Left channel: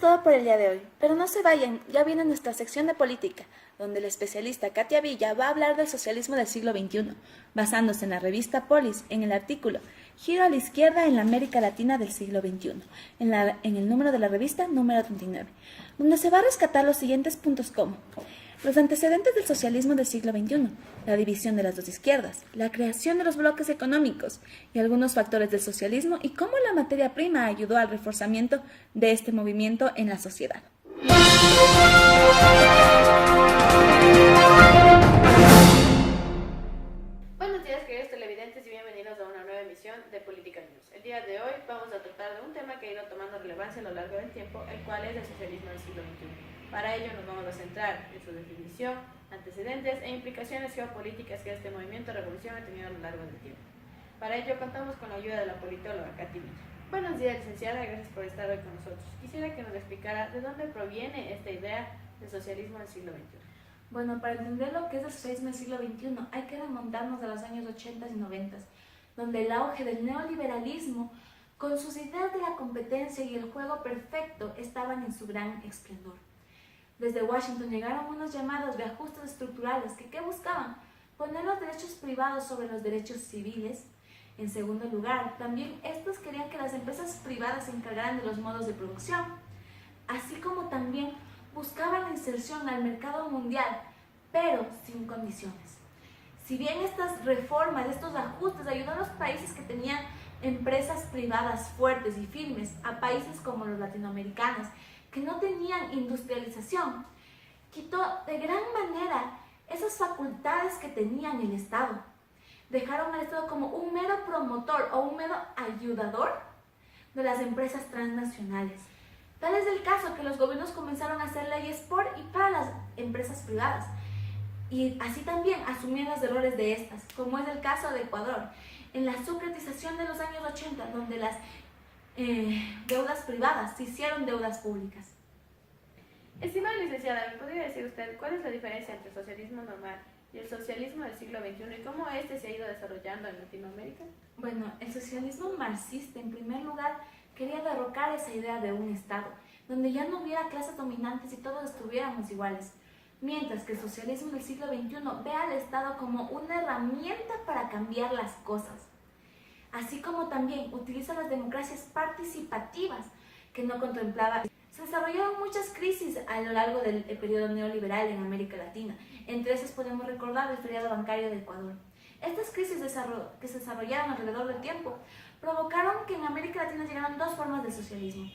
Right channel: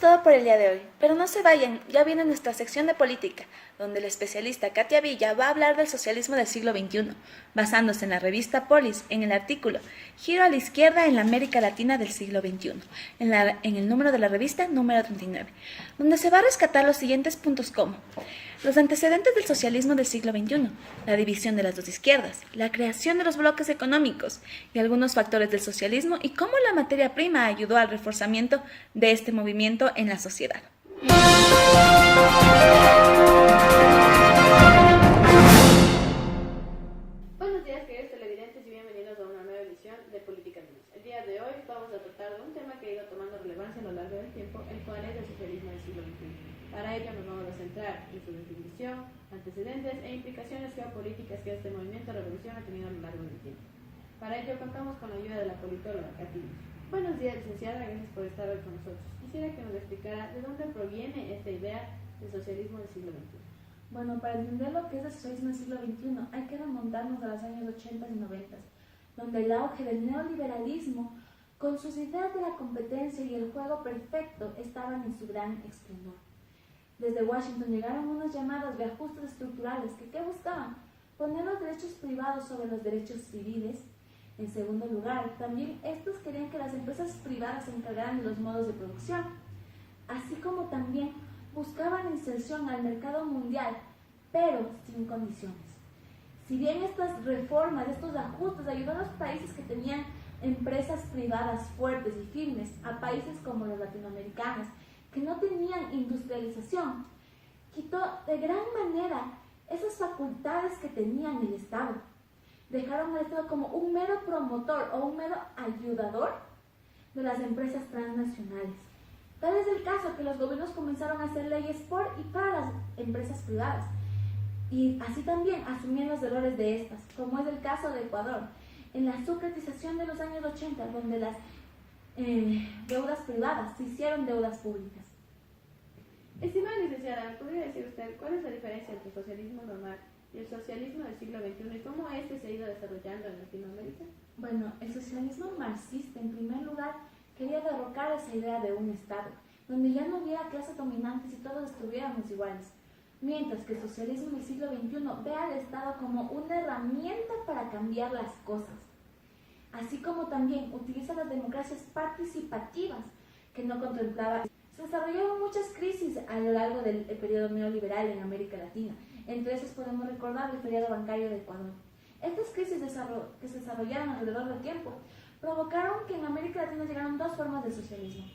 Todo por el día de hoy, pero no se vayan, ya viene nuestra sección de política, donde la especialista Katia Villa va a hablar del socialismo del siglo XXI, basándose en la revista Polis, en el artículo Giro a la izquierda en la América Latina del siglo XXI, en el número de la revista número 39, donde se va a rescatar los siguientes puntos como los antecedentes del socialismo del siglo XXI, la división de las dos izquierdas, la creación de los bloques económicos y algunos factores del socialismo y cómo la materia prima ayudó al reforzamiento de este movimiento en la sociedad. Buenos días, queridos televidentes, y bienvenidos a una nueva emisión de Política News. El día de hoy vamos a tratar de un tema que ha ido tomando relevancia a lo largo del tiempo, el cual es el socialismo del siglo XXI. Para ello nos vamos a centrar en su definición, antecedentes e implicaciones geopolíticas que este movimiento revolución ha tenido a lo largo del tiempo. Para ello contamos con la ayuda de la politóloga Katy Villa. Buenos días, licenciada, gracias por estar hoy con nosotros. Quisiera que nos explicara de dónde proviene esta idea del socialismo del siglo XXI. Bueno, para entender lo que es el socialismo del siglo XXI hay que remontarnos a los años 80 y 90, donde el auge del neoliberalismo, con sus ideas de la competencia y el juego perfecto, estaban en su gran esplendor. Desde Washington llegaron unos llamados reajustes estructurales que ¿qué buscaban? Poner los derechos privados sobre los derechos civiles. En segundo lugar, también estos querían que las empresas privadas se encargaran de los modos de producción, así como también buscaban la inserción al mercado mundial, pero sin condiciones. Si bien estas reformas, estos ajustes ayudaron a los países que tenían empresas privadas fuertes y firmes, a países como los latinoamericanos, que no tenían industrialización, quitó de gran manera esas facultades que tenían el Estado. Dejaron al Estado como un mero promotor o un mero ayudador de las empresas transnacionales. Tal es el caso que los gobiernos comenzaron a hacer leyes por y para las empresas privadas y así también asumían los errores de estas, como es el caso de Ecuador, en la socratización de los años 80, donde las deudas privadas se hicieron deudas públicas. Estimada licenciada, ¿me podría decir usted cuál es la diferencia entre el socialismo normal y el socialismo del siglo XXI y cómo este se ha ido desarrollando en Latinoamérica? Bueno, el socialismo marxista, en primer lugar, quería derrocar esa idea de un Estado, donde ya no hubiera clases dominantes y todos estuviéramos iguales, mientras que el socialismo del siglo XXI ve al Estado como una herramienta para cambiar las cosas, así como también utiliza las democracias participativas que no contemplaba. Se desarrollaron muchas crisis a lo largo del periodo neoliberal en América Latina, entre esas podemos recordar el feriado bancario de Ecuador. Estas crisis que se desarrollaron alrededor del tiempo provocaron que en América Latina llegaran dos formas de socialismo.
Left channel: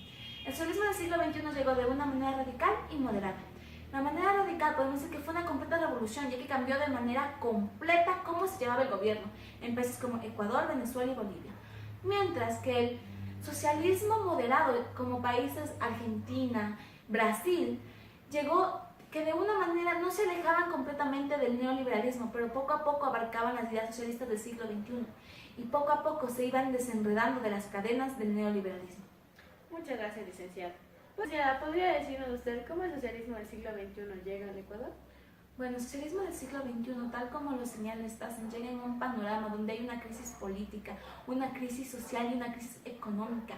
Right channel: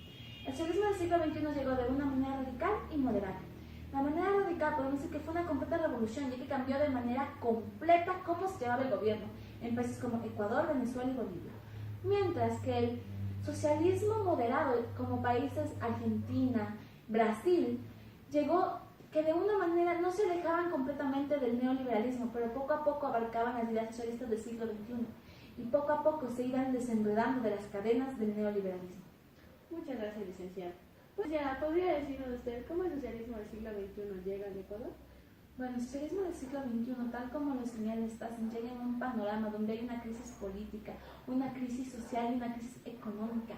El socialismo del siglo XXI llegó de una manera radical y moderada. La manera radical podemos decir que fue una completa revolución, ya que cambió de manera completa cómo se llevaba el gobierno en países como Ecuador, Venezuela y Bolivia. Mientras que el socialismo moderado, como países Argentina, Brasil, llegó que de una manera no se alejaban completamente del neoliberalismo, pero poco a poco abarcaban las ideas socialistas del siglo XXI y poco a poco se iban desenredando de las cadenas del neoliberalismo. Muchas gracias, licenciada. Pues ya, ¿podría decirnos usted cómo el socialismo del siglo XXI llega al Ecuador? Bueno, el socialismo del siglo XXI, tal como lo señala Stassen, llega en un panorama donde hay una crisis política, una crisis social y una crisis económica,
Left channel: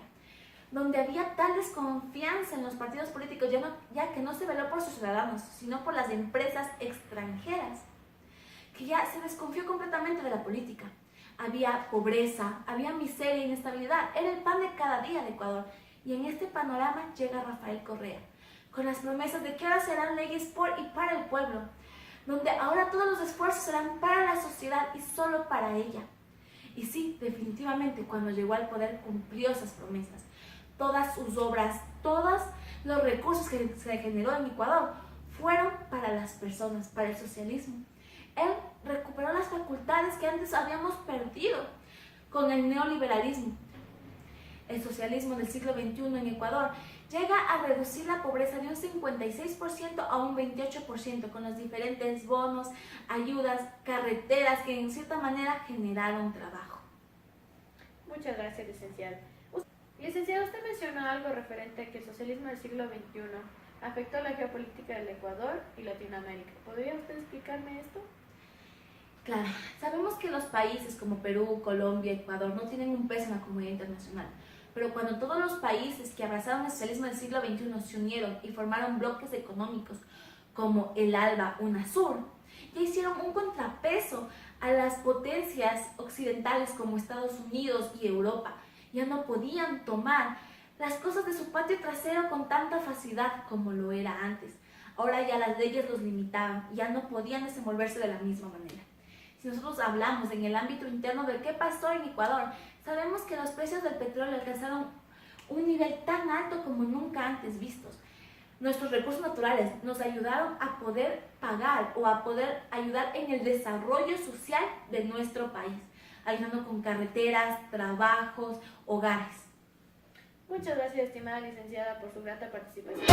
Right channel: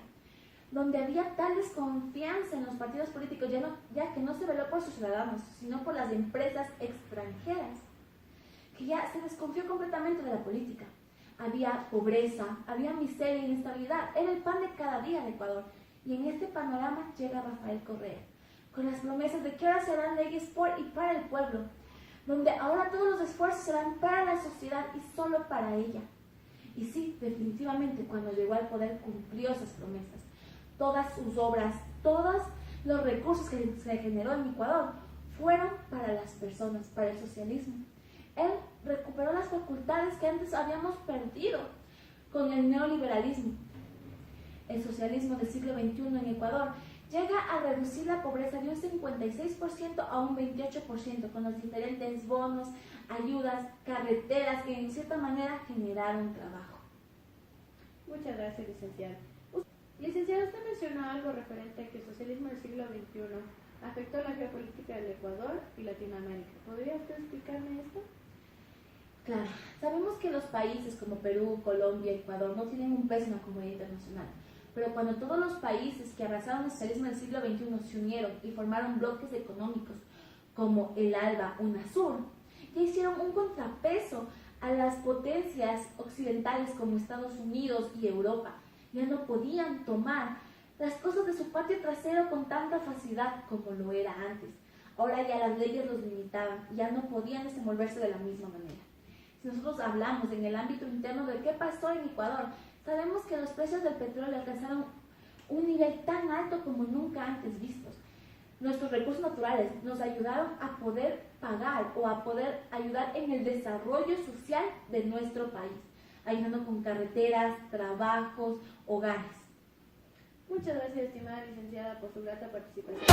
donde había tal desconfianza en los partidos políticos, ya que no se veló por sus ciudadanos, sino por las empresas extranjeras, que ya se desconfió completamente de la política. Había pobreza, había miseria e inestabilidad, era el pan de cada día de Ecuador. Y en este panorama llega Rafael Correa, con las promesas de que ahora serán leyes por y para el pueblo, donde ahora todos los esfuerzos serán para la sociedad y solo para ella. Y sí, definitivamente, cuando llegó al poder cumplió esas promesas. Todas sus obras, todos los recursos que se generó en Ecuador fueron para las personas, para el socialismo. Él recuperó las facultades que antes habíamos perdido con el neoliberalismo. El socialismo del siglo XXI en Ecuador llega a reducir la pobreza de un 56% a un 28% con los diferentes bonos, ayudas, carreteras que en cierta manera generaron trabajo. Muchas gracias, licenciada. Licenciada, usted mencionó algo referente a que el socialismo del siglo XXI afectó la geopolítica del Ecuador y Latinoamérica. ¿Podría usted explicarme esto? Claro, sabemos que los países como Perú, Colombia, Ecuador no tienen un peso en la comunidad internacional, Pero cuando todos los países que abrazaron el socialismo del siglo XXI se unieron y formaron bloques económicos como el ALBA, UNASUR, ya hicieron un contrapeso a las potencias occidentales como Estados Unidos y Europa. Ya no podían tomar las cosas de su patio trasero con tanta facilidad como lo era antes. Ahora ya las leyes los limitaban y ya no podían desenvolverse de la misma manera. Si nosotros hablamos en el ámbito interno de qué pasó en Ecuador, sabemos que los precios del petróleo alcanzaron un nivel tan alto como nunca antes vistos. Nuestros recursos naturales nos ayudaron a poder pagar o a poder ayudar en el desarrollo social de nuestro país, ayudando con carreteras, trabajos, hogares. Muchas gracias, estimada licenciada, por su grata participación.